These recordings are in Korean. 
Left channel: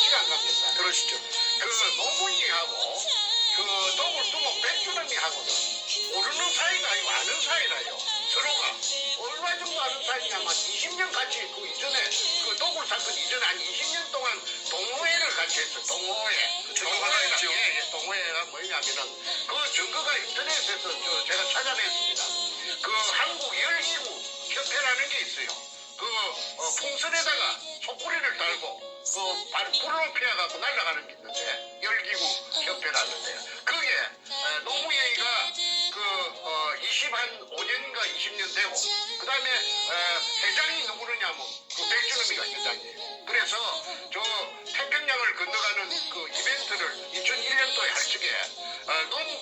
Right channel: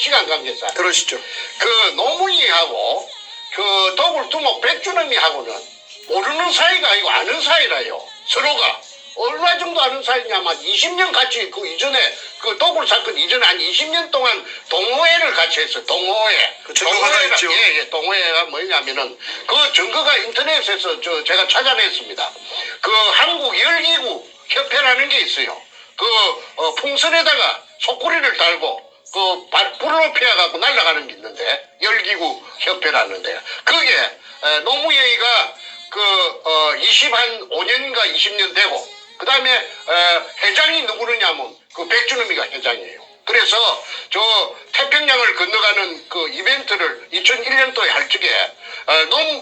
시간 관계상. 그러시죠. 그 노무이하고 그 더불두목 백주놈이하고는 모르는 사이가 아니고 아는 사이라요. 서로가. 얼마 정도 아는 사이냐면 20년 같이 그 이전에 그 도굴 사건 이전에 한 20년 동안 동호회를 같이 했어요. 동호회. 그 증거가 있죠. 예, 동호회가 뭐냐면은 그 증거가 인터넷에서 제가 찾아냈습니다. 그 한국 열기구 협회라는 게 있어요. 그 풍선에다가 속구리를 달고 그 불을 높여갖고 날아가는 게 있는데 열기구 협회라는데 그게 노무현이가 그 25년인가 20년 되고 그 다음에 회장이 누구느냐면 그 백준음이가 회장이에요. 그래서 저 태평양을 건너가는 그 이벤트를 2001년도에 할 적에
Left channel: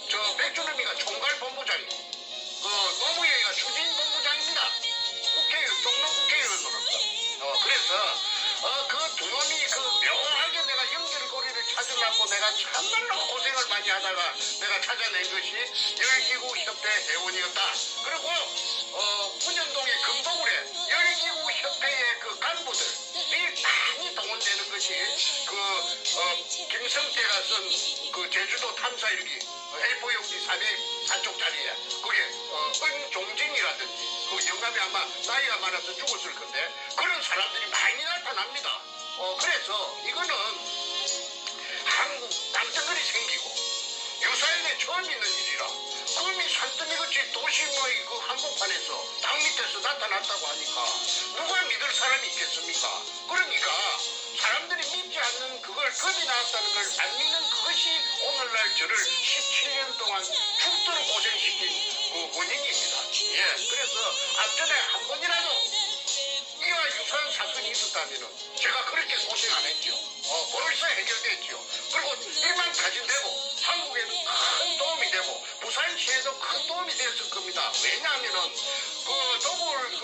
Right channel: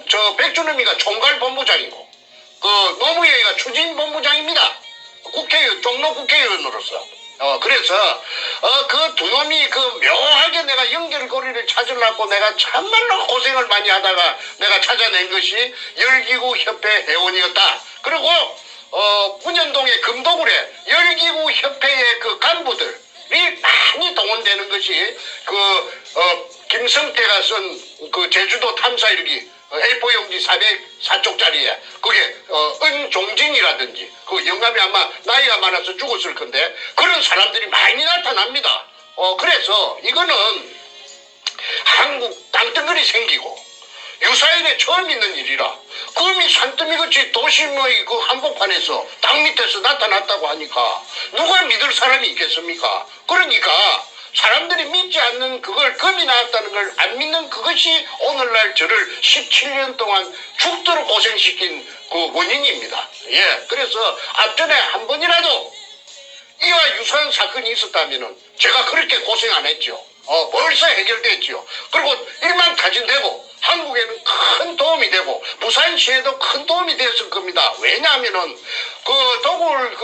저 백준음이가 총괄본부장이고 그 노무현이가 추진본부장입니다. 국회의원, 종로 국회의원으로서. 그래서, 그 두 놈이 그 묘하게 내가 연결고리를 찾으려고 내가 참말로 고생을 많이 하다가 내가 찾아낸 것이 열기구 협회 회원이었다. 그리고, 분연동의 금도굴에 열기구 협회의 그 간부들이 많이 동원되는 것이 김성태가 쓴 그 제주도 탐사일기 A4 용지 404쪽짜리에 그게 은종진이라든지 그 영감이 아마 나이가 많아서 죽었을 건데 그런 사람들이 많이 나타납니다. 그래서 이거는 한국 땅덩어리 생기고 유사인에 처음 있는 일이라 금이 산더미같이 도심의 그 한복판에서 땅 밑에서 나타났다고 하니까 누가 믿을 사람이 있겠습니까? 그러니까 사람들이 믿지 않는 그걸 금이 나왔다는 걸 안 믿는 그것이 오늘날 저를 17년 동안 죽도록 고생시킨 그 원인입니다. 예, 그래서 앞전에 한 번이라도 이와 유사한 사건이 있었다면은 제가 그렇게 고생 안 했죠. 벌써 해결됐죠. 그리고 일만 가진되고 한국에는 큰 도움이 되고 부산시에도 큰 도움이 됐을 겁니다. 왜냐하면은 그 도굴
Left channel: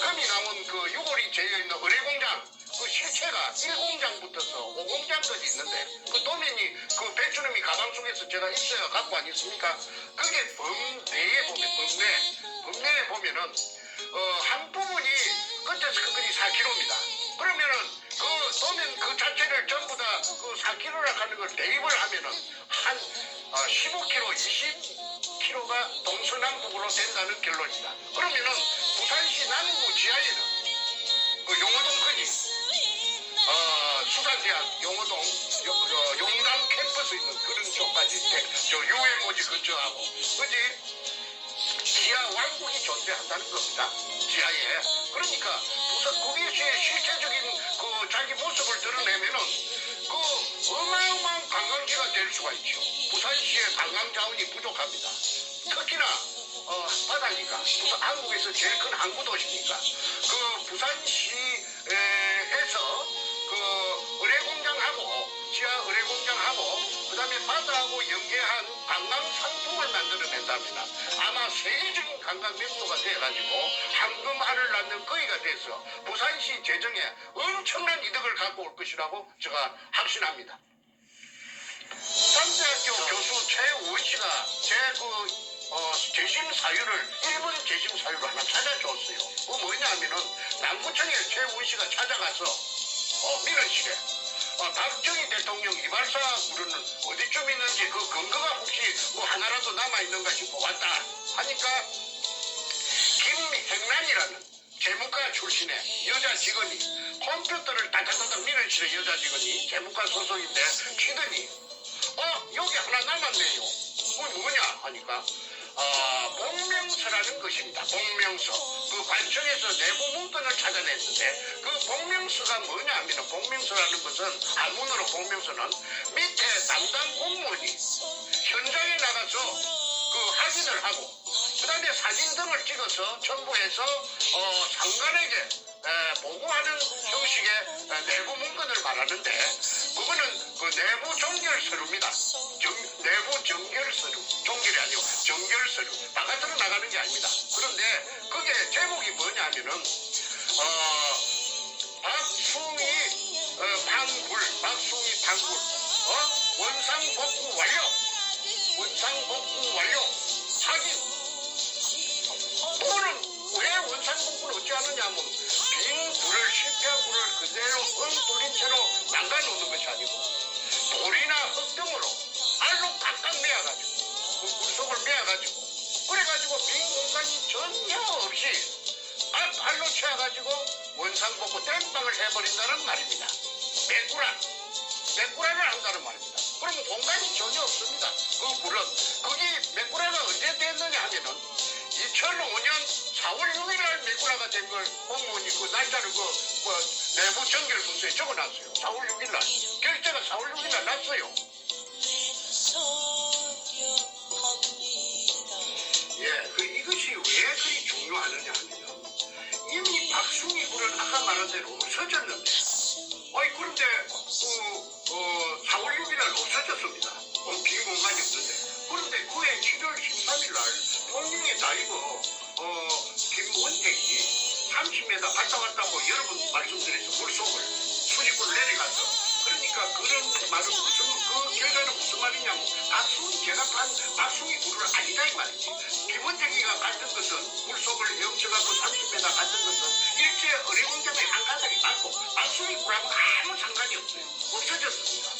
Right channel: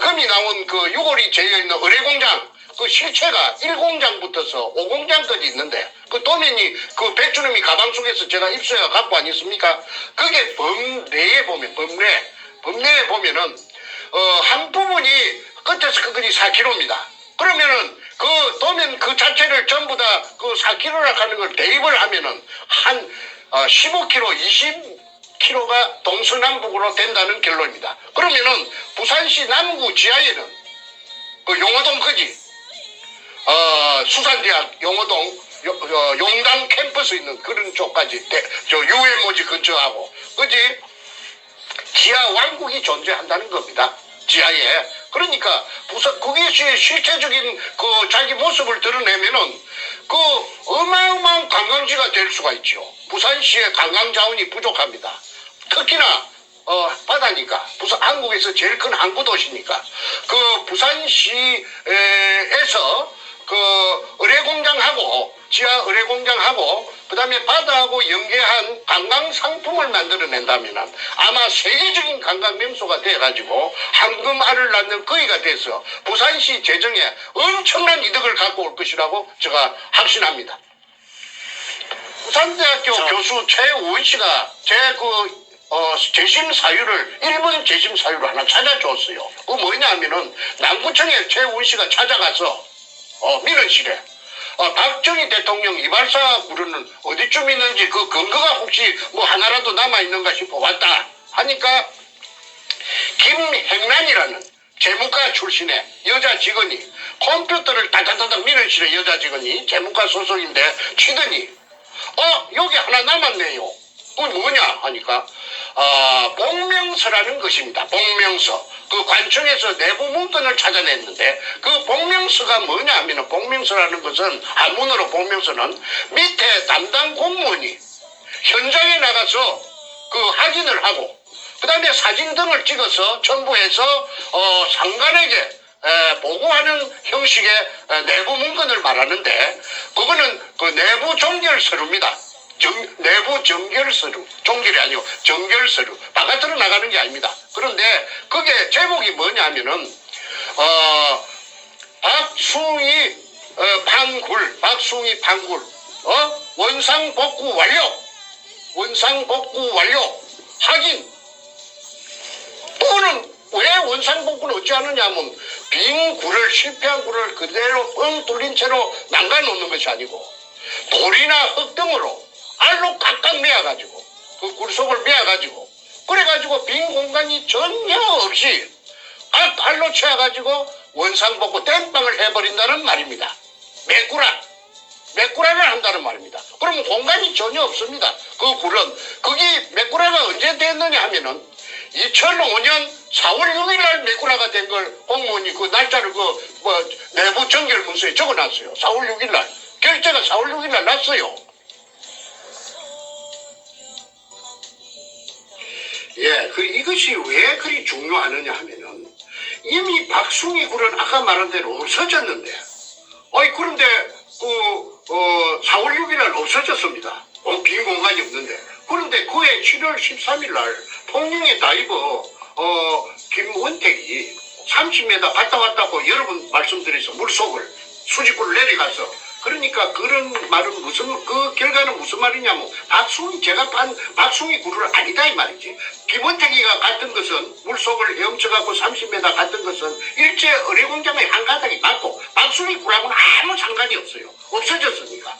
금이 나온 그 유골이 재여 있는 의뢰공장 그 실체가 1공장부터서 5공장까지 있는데 그 도면이 그 백주놈이 가방 속에서 제가 입수해가 갖고 안 있습니까? 그게 범내에 보면은 한 부분이 끝에서 끝까지 4km입니다. 그러면은 그 도면 그 자체를 전부 다 그 4km라 하는 걸 대입을 하면은 한 15km, 20km가 동서남북으로 된다는 결론입니다. 그러면은 부산시 남구 지하에는 그 용호동까지 수산대학 용호동 용당 캠퍼스 있는 그런 쪽까지 유해모지 근처하고 그지 지하 왕국이 존재한다는 겁니다. 지하에. 그러니까 부산 그게 실체적인 그 자기 모습을 드러내면은 그 어마어마한 관광지가 될 수가 있죠. 부산시의 관광 자원이 부족합니다. 특히나 바다니까 한국에서 제일 큰 항구 도시니까 그 부산시에서 그 의뢰공장하고 지하 의뢰공장하고 그 다음에 바다하고 연계한 관광 상품을 만들어낸다면 아마 세계적인 관광 명소가 돼가지고 황금알을 낳는 거위가 돼서 부산시 재정에 엄청난 이득을 갖고 올 것이라고 제가 확신합니다. 부산대학교 교수 최우원 씨가 재심 사유를 일본 재심 사유를 하나 찾아줬어요. 그거 뭐냐면은 남구청에 최우원 씨가 찾아가서 민원실에 박정희 대통령 이발사 구르는 어디쯤 있는지 그 근거가 혹시 뭐 하나라도 남아있는가 싶어 왔다 하니까 김행란이라는 재무과 출신의 여자 직원이 컴퓨터를 다다다닥 민원실에 여자 직원이 재무과 소속인데 치더니 여기 하나 남았네요. 그건 뭐냐 하니까 복명서라는 것입니다. 복명서. 그 관청에서 내부 문건을 찾아냈는데 그 복명서가 뭐냐 하면 복명서라는 것은 한문으로 복명서는 밑에 담당 공무원이 현장에 나가서 그 확인을 하고 그 다음에 사진 등을 찍어서 첨부해서 상관에게 보고하는 형식의 내부 문건을 말하는데 그거는 그 내부 종결서류입니다. 내부 정결서류, 종결이 아니고 정결서류, 바깥으로 나가는 게 아닙니다. 그런데 그게 제목이 뭐냐면은 박숭이 판굴 원상복구 완료 확인. 또는 왜 원상복구를 어찌 하느냐 하면 빈 굴을 실패한 굴을 그대로 뻥 뚫린 채로 담가 놓는 것이 아니고 돌이나 흙 등으로 알로 꽉꽉 메어가지고 그 굴속을 메어가지고 그래가지고 빈 공간이 전혀 없이 알로 채워가지고 원상복구 땜빵을 해버린다는 말입니다. 메꾸라를 한다는 말입니다. 그러면 공간이 전혀 없습니다. 그 굴은 거기 메꾸라가 언제 됐느냐 하면은 2005년 4월 6일 날 메꾸라가 된 걸 공무원이 그 날짜를 내부 정결 문서에 적어놨어요. 4월 6일 날 결제가 4월 6일 날 났어요. 예, 이것이 왜 그리 중요하느냐 하면은 이미 박숭이 굴은 아까 말한 대로 없어졌는데, 그런데 4월 6일 날 없어졌습니다. 빈 공간이 없는데. 그런데 그해 7월 13일 날 통영의 다이버 김원택이 30m 갔다 왔다고 여러 번 말씀드려서 물속을 수직으로 내려가서, 그러니까 그런 말은 그 결과는 무슨 말이냐면 제가 판 박숭이 굴을 아니다 이 말이지. 김원택이가 갔던 것은 물속을 헤엄쳐갖고 30m 갔던 것은 일제 의뢰공장의 한 가닥이 맞고 박숭이 굴하고는 아무 상관이 없어요. 없어졌으니까.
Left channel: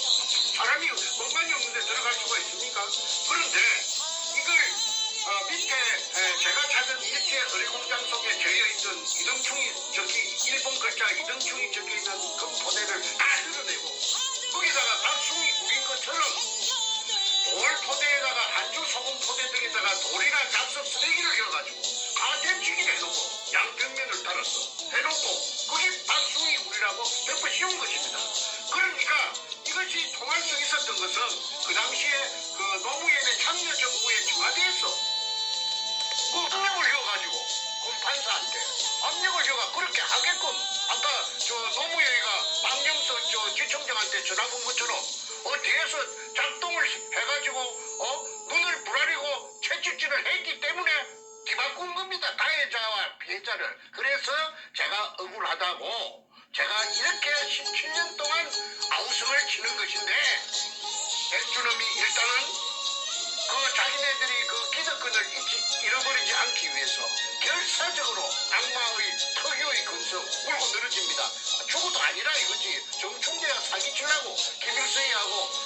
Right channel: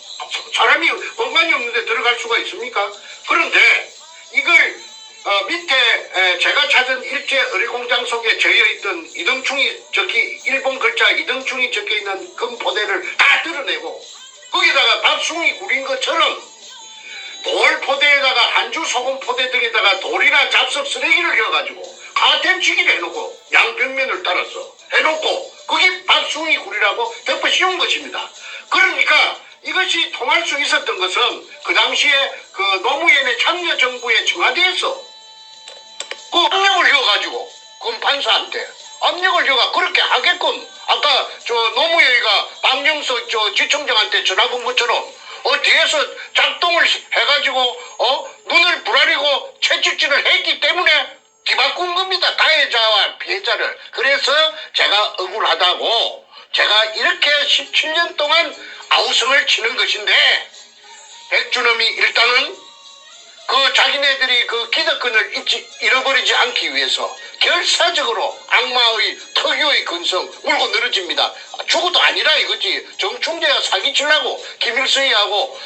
사람이 공간이 없는데 들어갈 수가 있습니까? 그런데 이걸 밑에 제가 찾은 일제 의뢰공장 속에 저여있던 일본 글자 이등충이 적혀있는 금포대를 다 드러내고 거기다가 박숭이 굴인 것처럼 돌 포대에다가 한주 소금 포대 등에다가 돌이나 잡석 쓰레기를 넣어가지고 가템치기를 해놓고 양벽면을 따라서 해놓고 그게 박숭이 굴이라고 덮어 씌운 것입니다. 그러니까 이것이 통할 수 있었던 것은 그 당시에 그 노무현의 참여정부의 청와대에서 그 압력을 줘가지고 검판사한테 압력을 줘가 그렇게 하게끔 아까 노무현이가 박영석 지청장한테 전화 건 것처럼 뒤에서 작동을 해가지고 눈을 부라리고 채찍질을 했기 때문에 뒤바꾼 겁니다. 가해자와 피해자를. 그래서 제가 억울하다고 제가 이렇게 17년 동안 아우성을 치는 것인데 백준엄이 일단은 그 자기네들이 그 기득권을 잃어버리지 않기 위해서 결사적으로 악마의 특유의 근성 물고 늘어집니다. 죽어도 아니라 이거지. 정충재가 사기치려고 김일성이하고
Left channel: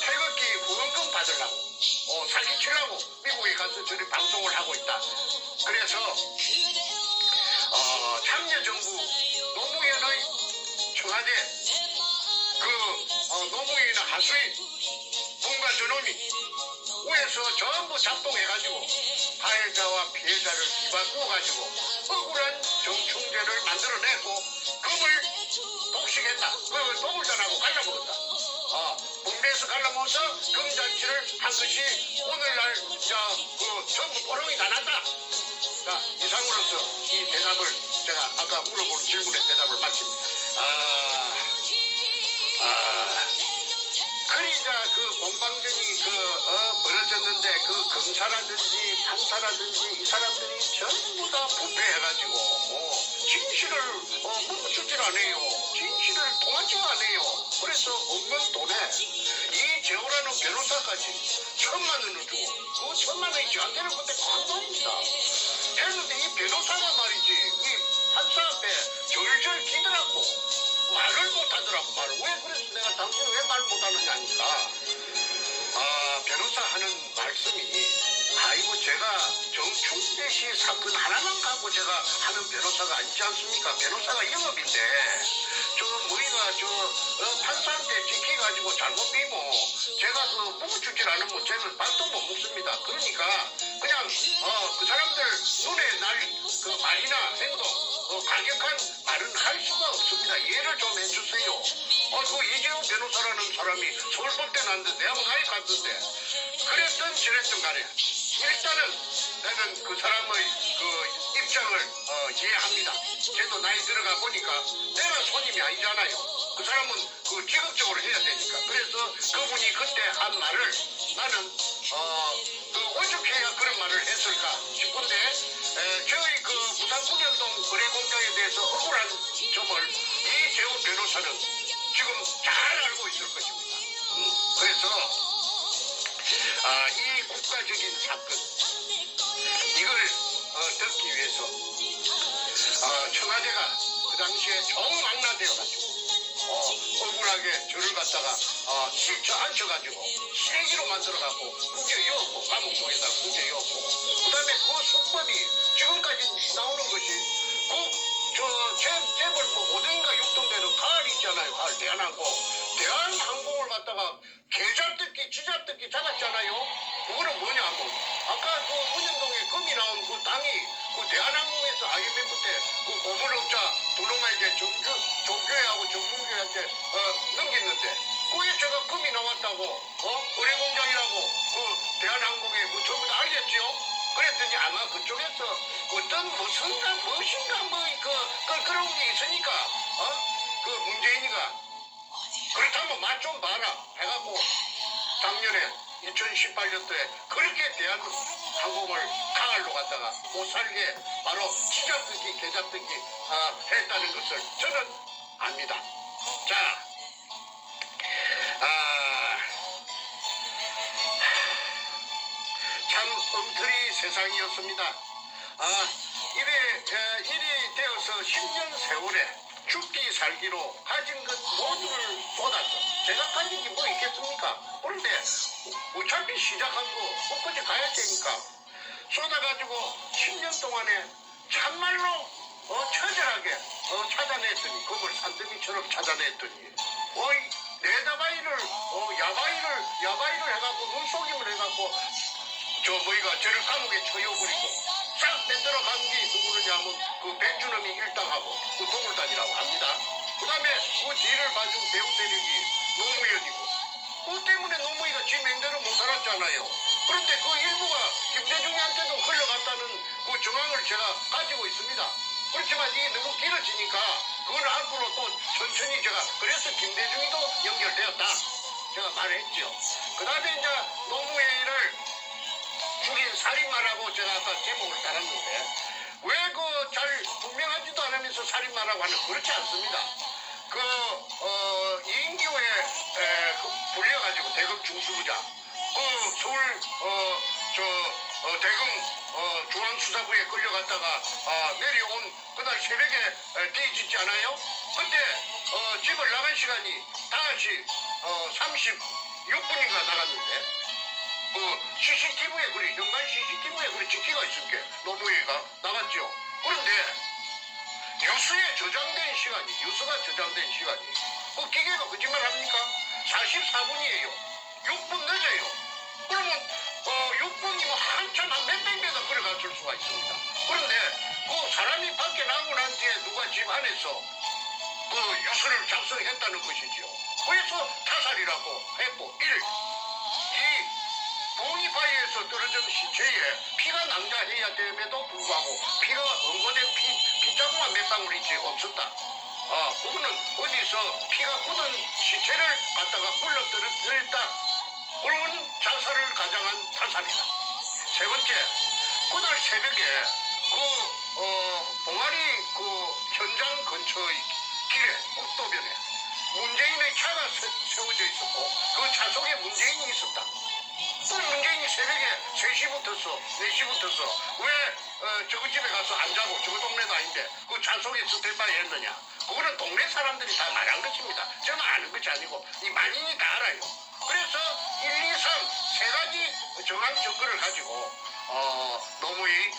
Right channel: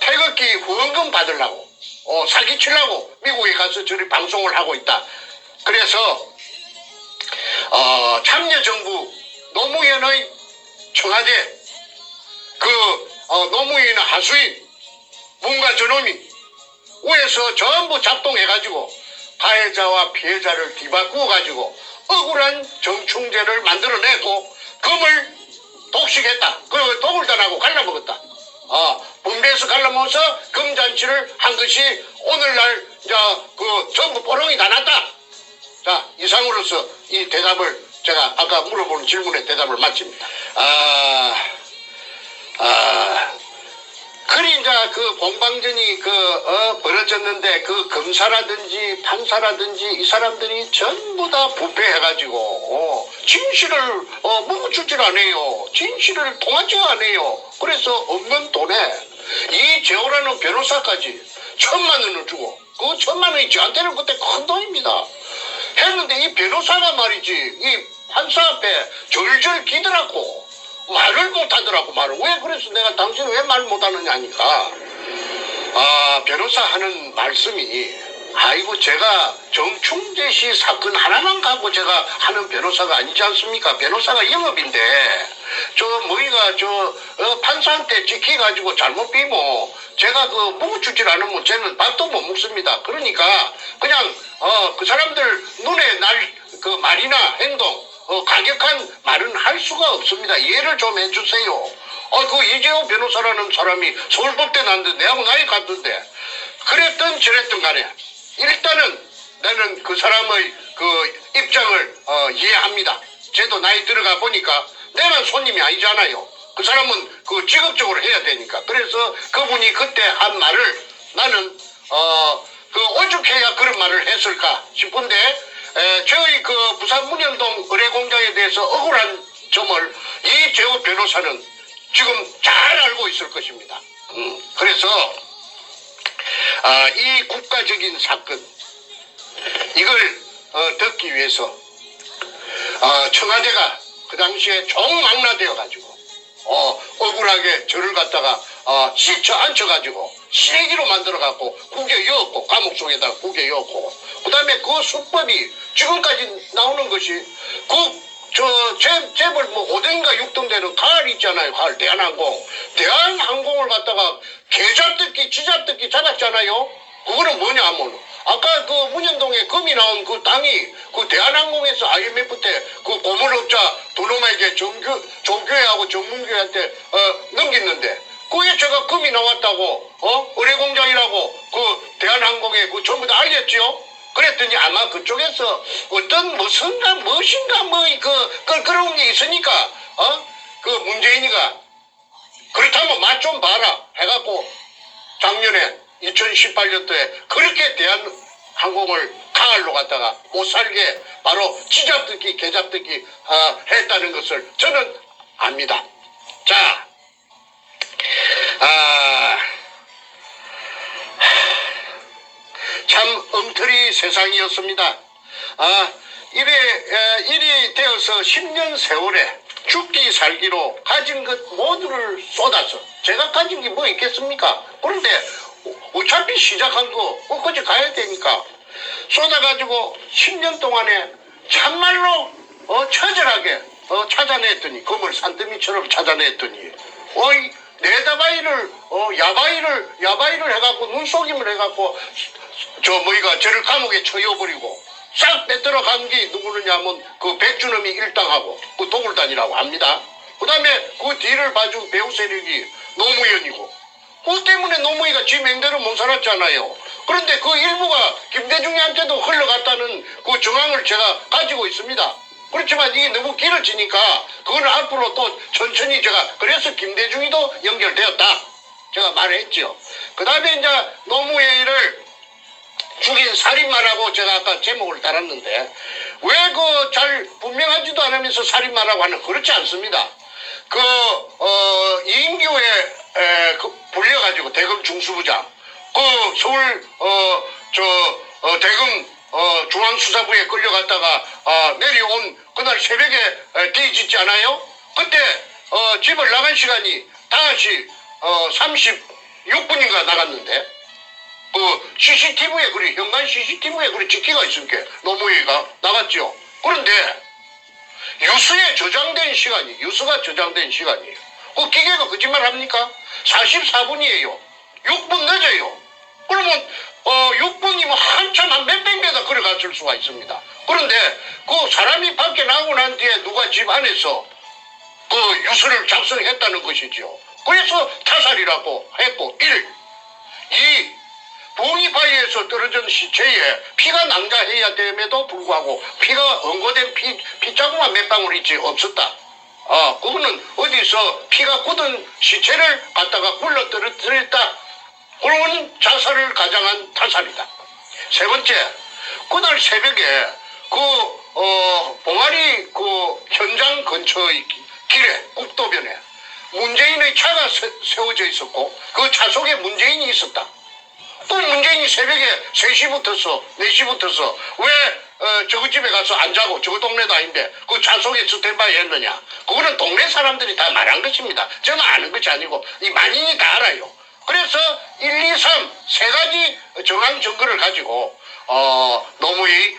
태극기 후원금 받으려고 사기치려고 미국에 가서 저리 방송을 하고 있다. 그래서 참여정부 노무현의 청와대 노무현의 하수인 문과 저놈이 위에서 전부 작동해가지고 가해자와 피해자를 뒤바꾸어가지고 억울한 정충제를 만들어내고 금을 독식했다. 그 독을 dan하고 갈라먹었다. 분배해서 갈라먹어서 금잔치를 한 것이 오늘날 전부 포롱이 다 났다. 자, 이상으로서 이 대답을 제가 아까 물어보는 질문에 대답을 마칩니다. 그리 이제 그 공방전이 벌어졌는데 그 검사라든지 판사라든지 이 사람들이 전부 다 부패해가지고 진실을 묻어주질 않아요. 진실을 통하지 않아요. 그래서 없는 돈에 이재호라는 변호사까지 1,000만 원을 주고 그 1,000만 원이 저한테는 그때 큰 돈입니다. 했는데 이 변호사가 말이지 이 판사 앞에 절절 기더라고. 말을 못하더라고. 말을 왜 그래서 내가 당신은 왜 말 못하느냐 하니까 변호사 하는 말씀이 아이고 제가 정충재 씨 사건 하나만 갖고 제가 하는 변호사가 아니지 않습니까? 변호사가 영업인데 뭐이가 판사한테 지켜가지고 잘못 비면 제가 묵어주질 않으면 쟤는 밥도 못 먹습니다. 그러니까 그냥 그 사람들 눈에 날 그 말이나 행동 가격한 말은 할 수가 없습니다. 이해를 좀 해주세요. 그 이재호 변호사라는 사람이 서울법대 나왔는데 내하고 나이 같던데 그랬든 저랬든 간에 일단은 나는 그 사람의 그 입장을 이해합니다. 쟤도 나이 들어가 보니까 내가 손님이 아니잖아요. 그 사람은 그 직업적으로 해야 되니까. 그래서 그분이 그때 한 말을 나는 오죽해야 그런 말을 했을까 싶은데 저희 그 부산 문현동 의뢰공장에 대해서 억울한 점을 이재호 변호사는 지금 잘 알고 있을 것입니다. 그래서 이 국가적인 사건 이걸 듣기 위해서 청와대가 그 당시에 총망라되어 가지고 억울하게 저를 갖다가 시쳐 앉혀가지고 시래기로 만들어갖고 구겨 넣었고 감옥 속에다가 구겨 넣었고 그 다음에 그 수법이 지금까지 나오는 것이 재벌 뭐 5등인가 6등 되는 가을 있잖아요. 가을 대한항공을 갖다가 개잡듣기 쥐잡듣기 잡았잖아요. 그거는 뭐냐 하면 아까 그 문현동에 금이 나온 그 땅이 그 대한항공에서 IMF 때 그 고물업자 두 놈에게 정교회하고 정문교회한테 넘겼는데 그게 제가 금이 나왔다고 의뢰공장이라고 그 대한항공에 그 전부 다 알렸죠. 그랬더니 아마 그쪽에서 어떤 무엇인가 그런 게 있으니까 그 문재인이가 그렇다면 맛 좀 봐라 해갖고 작년에 2018년도에 그렇게 대한항공을 강할로 갔다가 못 살게 바로 쥐잡듯이 개잡듯이 했다는 것을 저는 압니다. 자, 참 엉터리 세상이었습니다. 일이 되어서 10년 세월에 죽기 살기로 가진 것 모두를 쏟아서 제가 가진 게 뭐 있겠습니까? 그런데 어차피 시작한 거 끝까지 가야 되니까 쏟아가지고 10년 동안에 참말로 처절하게 찾아냈더니 금을 산더미처럼 찾아냈더니 네다바이를 야바이를 해갖고 눈속임을 해갖고 저를 감옥에 처여버리고 싹 뺏들어 간 게 누구느냐면 그 백준엄이 일당하고 그 동물단이라고 합니다. 그 다음에 그 뒤를 봐준 배우 세력이 노무현이고 그 때문에 노무현이가 지 맹대로 못 살았잖아요. 그런데 그 일부가 김대중한테도 흘러갔다는 그 정황을 제가 가지고 있습니다. 그렇지만 이게 너무 길어지니까 그거는 앞으로 또 천천히 제가 그래서 김대중이도 연결되었다 제가 말했죠. 그 다음에 이제 노무현이를 죽인 살인마라고 제가 아까 제목을 달았는데 왜 잘 분명하지도 않으면서 살인마라고 하는 그렇지 않습니다. 이인규에 불려가지고 대검 중수부장 서울 대검 중앙수사부에 끌려갔다가 내려온 그날 새벽에 뒤집지 않아요? 그때 집을 나간 시간이 다시 36분인가 나갔는데 CCTV에 현관 CCTV에 찍히가 있으니까 노무현이가 나갔죠. 그런데 유수가 저장된 시간이 그 기계가 거짓말 합니까? 44분이에요. 6분 늦어요. 그러면 6분이면 한참 한 몇백 메다 걸어갔을 수가 있습니다. 그런데 그 사람이 밖에 나오고 난 뒤에 누가 집 안에서 그 유수를 작성했다는 것이죠. 그래서 타살이라고 했고 1. 2. 봉이바위에서 떨어진 시체에 피가 낭자해야 됨에도 불구하고 피가 응고된 피자국만 몇 방울 있지 없었다. 그거는 어디서 피가 굳은 시체를 갖다가 굴러 떨어뜨렸다. 그런 자살을 가장한 타살이다. 세 번째, 그날 새벽에 봉아리 현장 근처의 길에 국도변에 문재인의 차가 세워져 있었고 그 차 속에 문재인이 있었다. 또 문재인이 새벽에 3시부터서 4시부터서 왜 저거 집에 가서 안 자고 저거 동네도 아닌데 그 차 속에 스탠바이 했느냐. 그거는 동네 사람들이 다 말한 것입니다. 저는 아는 것이 아니고 이 만인이 다 알아요. 그래서 1, 2, 3 세 가지 정황 증거를 가지고 노무현의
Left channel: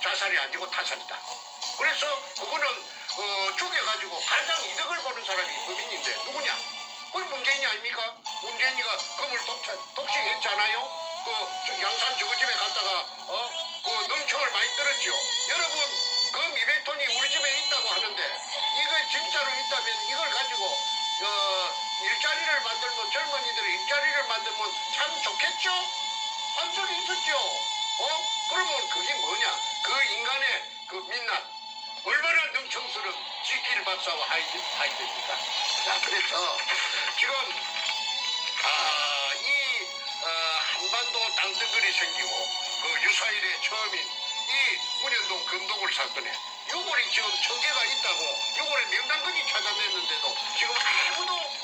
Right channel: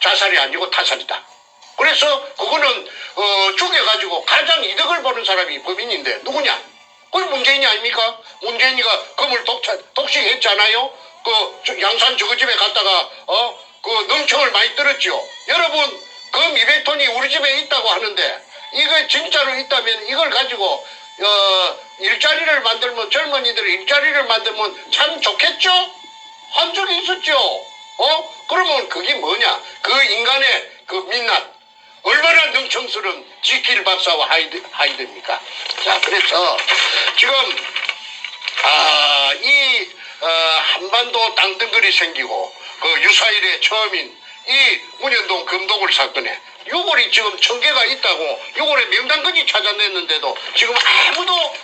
자살이 아니고 타살이다. 그래서 그거는 죽여가지고 가장 이득을 보는 사람이 범인인데 누구냐? 그게 문재인이 아닙니까? 문재인이가 금을 독식했잖아요. 양산 저거 집에 갔다가 능청을 많이 들었죠. 여러분 금 200톤이 우리 집에 있다고 하는데 이거 진짜로 있다면 이걸 가지고 일자리를 만들면 젊은이들이 일자리를 만들면 참 좋겠죠? 한 적이 있었죠. 그러면 그게 뭐냐? 그 인간의 그 민낯 얼마나 능청스러운 지킬 박사와 하이드입니까? 자, 그래서 지금 이 한반도 땅덩어리 생기고 그 유사일의 처음인 이 문현동 금도굴 사건에 6월이 지금 1000개가 있다고 6월에 명단건이 찾아냈는데도 지금 아무도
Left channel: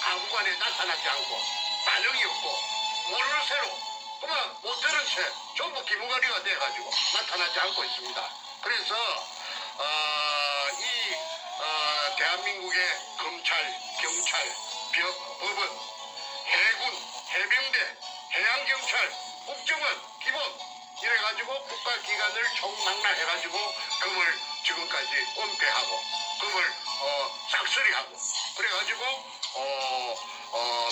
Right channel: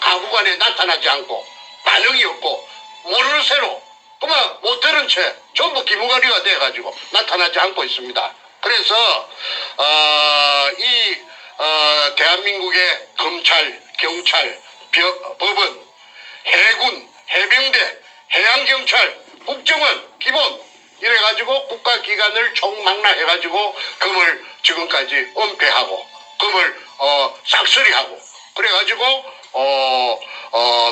가구간에 나타나지 않고 반응이 없고 모르는 새로 그만 못 들은 채 전부 기무가리가 돼가지고 나타나지 않고 있습니다. 그래서 대한민국의 검찰, 경찰, 법원, 해군, 해병대, 해양경찰, 국정원, 기본 이래가지고 국가기관을 총망라해가지고 금을 지금까지 은폐하고 금을 싹쓸이하고 그래가지고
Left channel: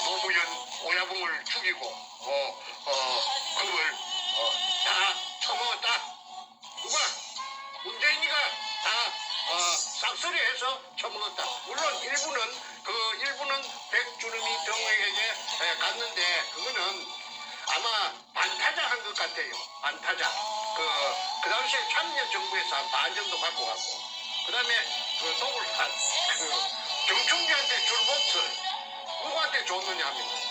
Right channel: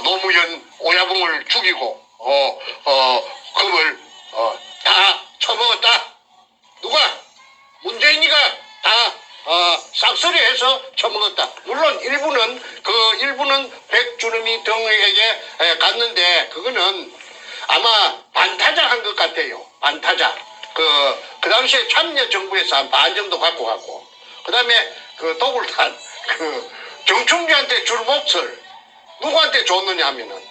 노무현 오야붕을 죽이고 금을 다 처먹었다. 누가? 문재인이가 다 싹쓸이해서 처먹었다. 물론 일부는 백주름이 등에게 갔는데 그거는 아마 반타작 한 것 같아요. 반타작. 그 당시에 참여정부에서 한 반 정도 갖고 갔고 그 다음에 그 도굴탄 정충주한테 줄 몫을 누구한테 줬느냐 하면은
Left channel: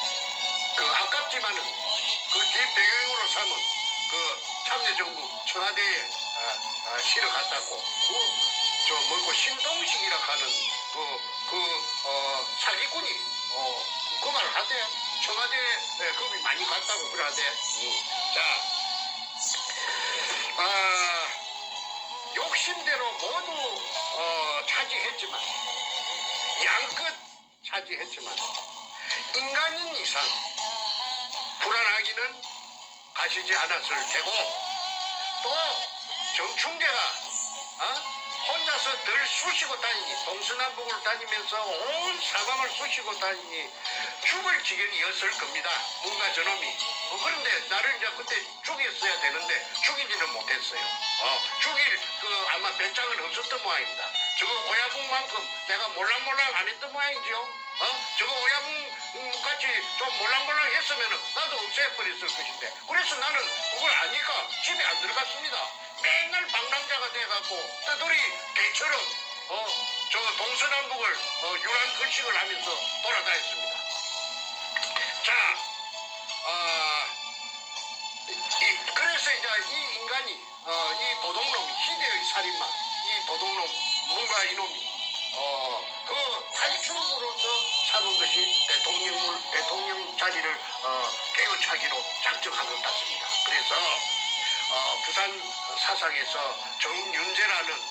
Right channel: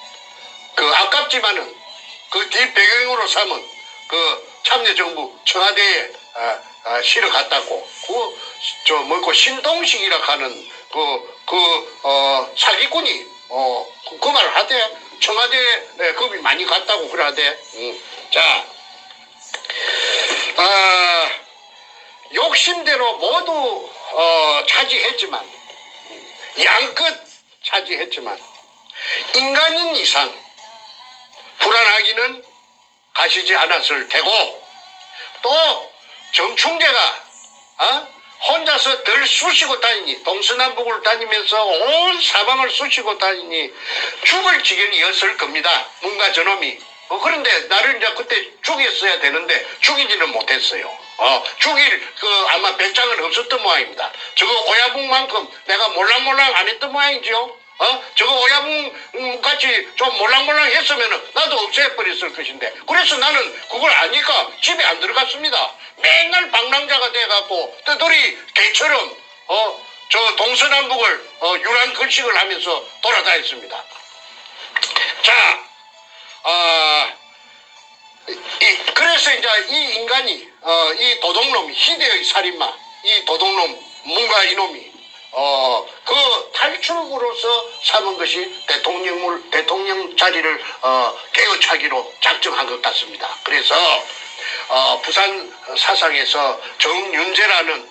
아깝지만은 그 뒷배경으로 삼은 참여정부 청와대에 실어 갔다고 신동식이라 하는 사기꾼이 그 말을 하대. 청와대에 겁이 많이 갔다고 그러대. 자, 욕심대로 모두 차지했지만 양끝 차지했지만 인간인 이상 불안하기는 가시지 않았을 테고 또 정충재가 혼자서 덜 쑤시고 다니니 동서남북을 다니면서 온 사방을 쑤시고 다니니 죽을 지경이었을 겁니다. 뭔가 저놈이. 그런데 나를 이제 그때 죽였어야 되는데 죽이지는 못했어요. 죽일 아마 배짱은 없었던 모양입니다. 저거 오야붕만큼 내가 몰랑몰랑 안 했던 모양이죠. 저거 오야붕 같이 좀 몰랑몰랑 했으면 나도 없애버렸을 것인데 그래서 나는 그걸 아니까 집에 안 들어갔습니다. 맨날 방랑자가 돼갖고 떠돌이 개처럼 저 동서남북을 유랑글식을 하면서 돌아다녔습니다. 자, 그래서 이제 이 인간이 이 도둑놈 희대의 살인마 이 도둑놈 뭔가 이놈이 그 탈출구로서 삼은 것이 대통령 자리를 깨어차기로 작정한 것 같습니다. 그래서 부산 사상에서 정윤재라는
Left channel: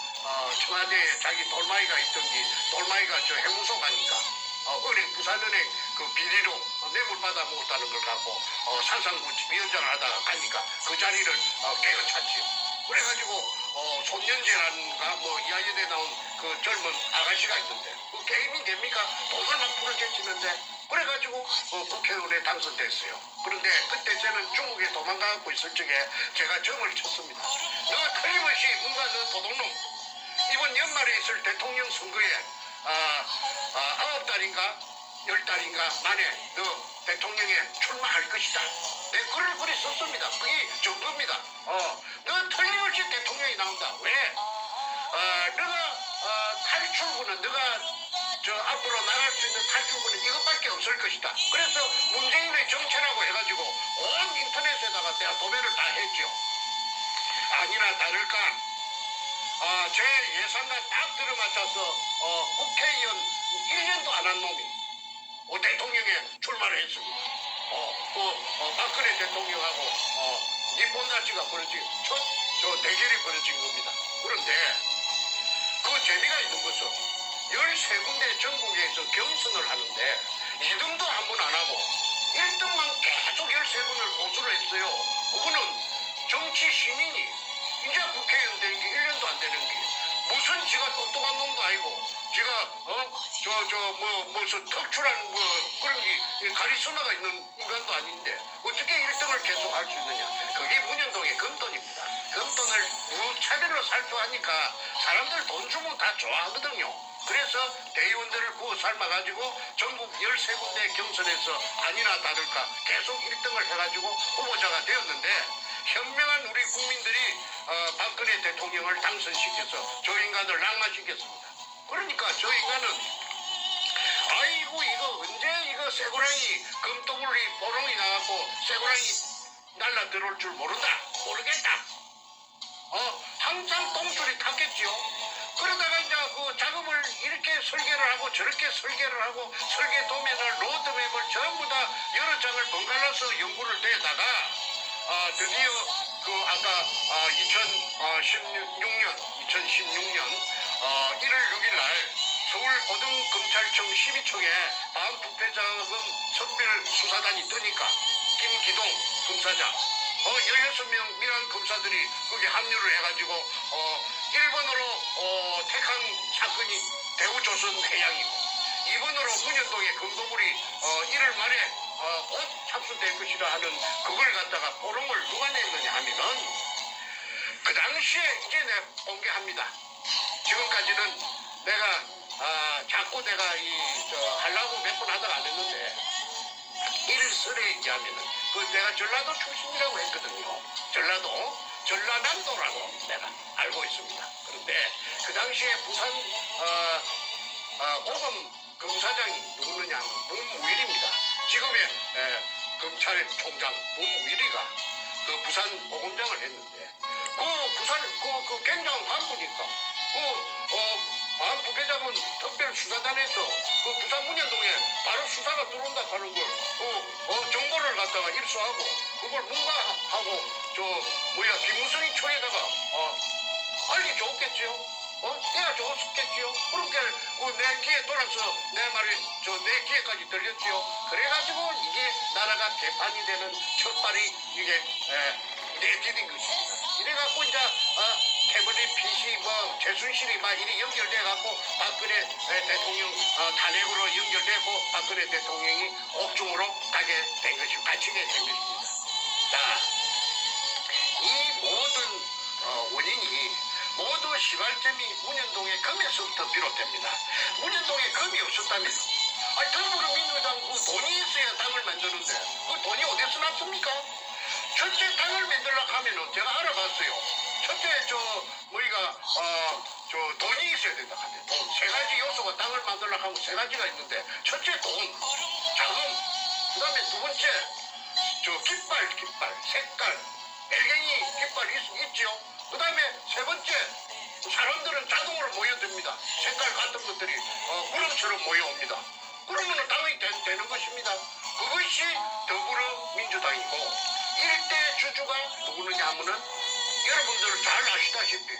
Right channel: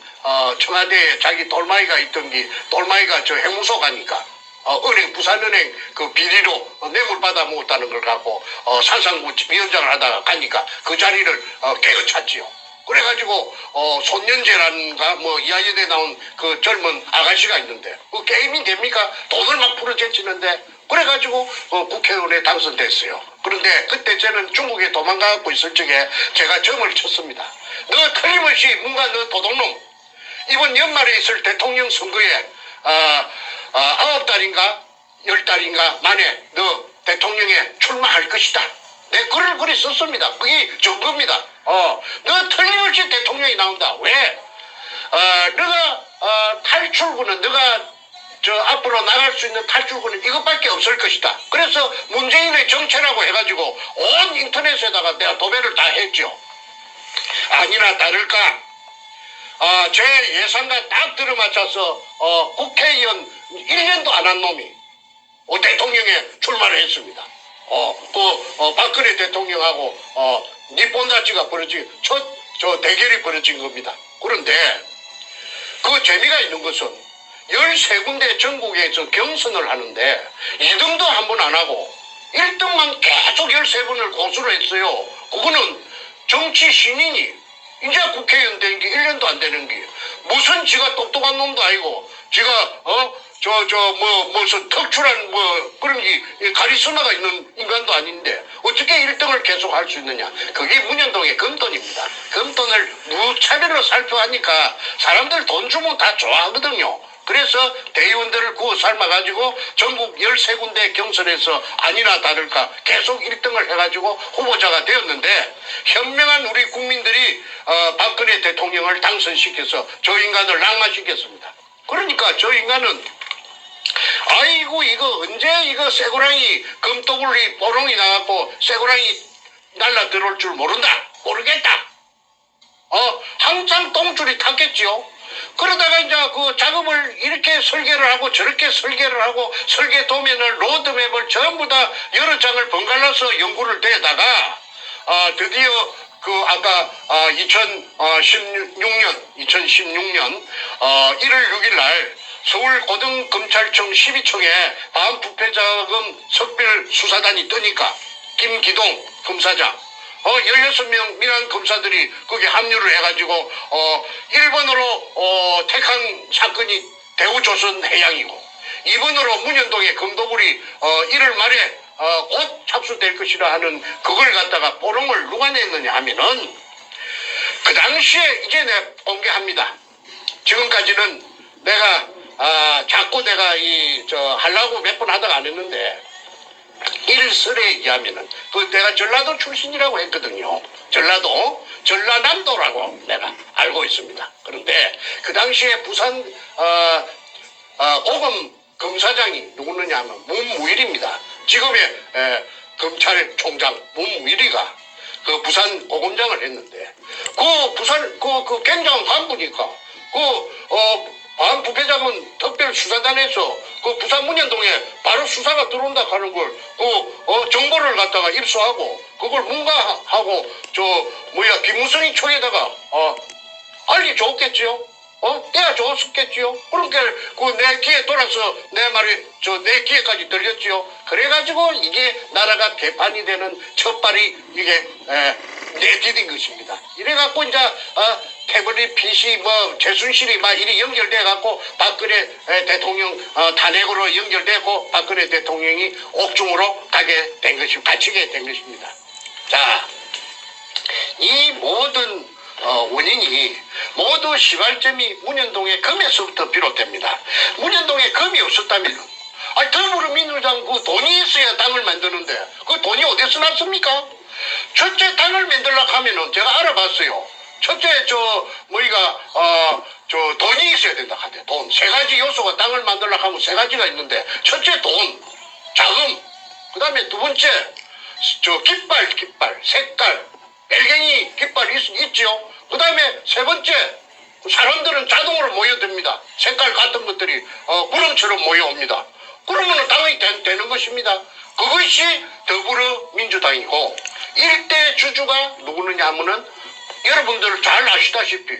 청와대에 자기 돌마이가 있던 게 돌마이가 저 해무소 가니까 부산은행 그 비리로 뇌물 받아 먹었다는 걸 갖고 산상부 위원장을 하다가 가니까 그 자리를 깨어찼지요. 그래가지고 손년재라는가 뭐 이화여대 나온 그 젊은 아가씨가 있는데 그 게임이 됩니까? 돈을 막 풀어제치는데 그래가지고 국회의원에 당선됐어요. 그런데 그때 저는 중국에 도망가고 있을 적에 제가 점을 쳤습니다. 너 틀림없이 뭔가 너 도둑놈 이번 연말에 있을 대통령 선거에 9달인가 10달인가 만에 너 대통령에 출마할 것이다. 내 글을 그리 썼습니다. 그게 증거입니다. 너 틀림없이 대통령이 나온다. 왜? 너가 탈출구는 너가 저 앞으로 나갈 수 있는 탈출구는 이것밖에 없을 것이다. 그래서 문재인의 정체라고 해가지고 온 인터넷에다가 내가 도배를 다 했죠. 아니나 다를까 제 예상과 딱 들어맞춰서 국회의원 1년도 안 한 놈이 대통령에 출마를 했습니다. 박근혜 대통령하고 니폰다치가 벌어진 저 대결이 벌어진 겁니다. 그런데 그 재미가 있는 것은 13군데 전국에서 경선을 하는데 2등도 한 번 안 하고 1등만 계속 13번을 고수를 했어요. 그거는 정치 신인이 이제 국회의원 된 게 1년도 안 되는 게 무슨 지가 똑똑한 놈도 아니고 지가 무슨 특출한 그런 게 카리스마가 있는 인간도 아닌데 어떻게 1등을 계속 할 수 있느냐. 그게 문현동의 금돈입니다. 금돈을 무차별로 살펴하니까 사람들 돈 주면 다 좋아하거든요. 그래서 대의원들을 구워 삶아가지고 전국 13군데 경선에서 아니나 다를까 계속 1등을 해가지고 후보자가 되었는데 현명한 우리 국민들이 박근혜 대통령을 당선시켜서 저 인간을 낙마시켰습니다. 그러니까 저 인간은 아이고 이거 언제 이거 쇠고랑이 금도굴이 보롱이 나갖고 쇠고랑이 날라 들어올 줄 모르겠다. 항상 똥줄이 탔겠지요. 그러다가 이제 그 작업을 이렇게 설계를 하고 저렇게 설계를 하고 설계 도면을 로드맵을 전부 다 여러 장을 번갈아서 연구를 대다가 드디어 그 아까 2016년 1월 6일 날 서울고등검찰청 12청에 반부패자금 석별 수사단이 뜨니까 김기동 검사장 16명 민한 검사들이 거기 합류를 해가지고 일본으로 택한 사건이 대우조선 해양이고 2번으로 문현동의 검도굴이 1월 말에 곧 착수될 것이라 하는 그걸 갖다가 포럼을 누가 냈느냐 하면은 그 당시에 이제 내가 공개합니다. 지금까지는 내가 자꾸 내가 하려고 몇 번 하다가 안 했는데 일설에 얘기하면은 내가 전라도 출신이라고 했거든요. 전라남도라고 내가 알고 있습니다. 그런데 그 당시에 부산 고검 검사장이 누구느냐 하면 문무일입니다. 지금의 검찰총장 문무일이가 그 부산 고검장을 했는데 그 부산 그 굉장한 간부니까 반부패자금 특별수사단에서 그 부산 문현동에 바로 수사가 들어온다 하는 걸 정보를 갖다가 입수하고 그걸 문가하고 김무성이 총에다가 알려줬겠지요. 내가 좋았겠지요. 그러니까 내 귀에 돌아서 내 말이 내 귀에까지 들렸지요. 그래가지고 이게 나라가 개판이 되는 첫발이 이게 내디딘 것입니다. 이래갖고 이제 태블릿 PC 최순실이 막 이리 연결돼갖고 박근혜 대통령 탄핵으로 연결되고 박근혜 대통령이 옥중으로 갇히게 된 것입니다. 자, 이 모든 원인이 모두 시발점이 문현동의 금에서부터 비롯됩니다. 문현동에 금이 없었다면 더불어민주당 그 돈이 있어야 당을 만드는데 그 돈이 어디서 났습니까? 첫째 당을 만들려고 하면은 제가 알아봤어요. 첫째 돈이 있어야 된다 하대. 돈. 세 가지 요소가 당을 만들려고 하면 세 가지가 있는데 첫째 돈, 자금, 그 다음에 두 번째 깃발, 색깔, 엘갱이 깃발 있죠. 그 다음에 세 번째 사람들은 자동으로 모여듭니다. 색깔 같은 것들이 구름처럼 모여옵니다. 그러면 당이 되는 것입니다. 그것이 더불어민주당이고 일대 주주가 누구느냐 하면은 여러분들 잘 아시다시피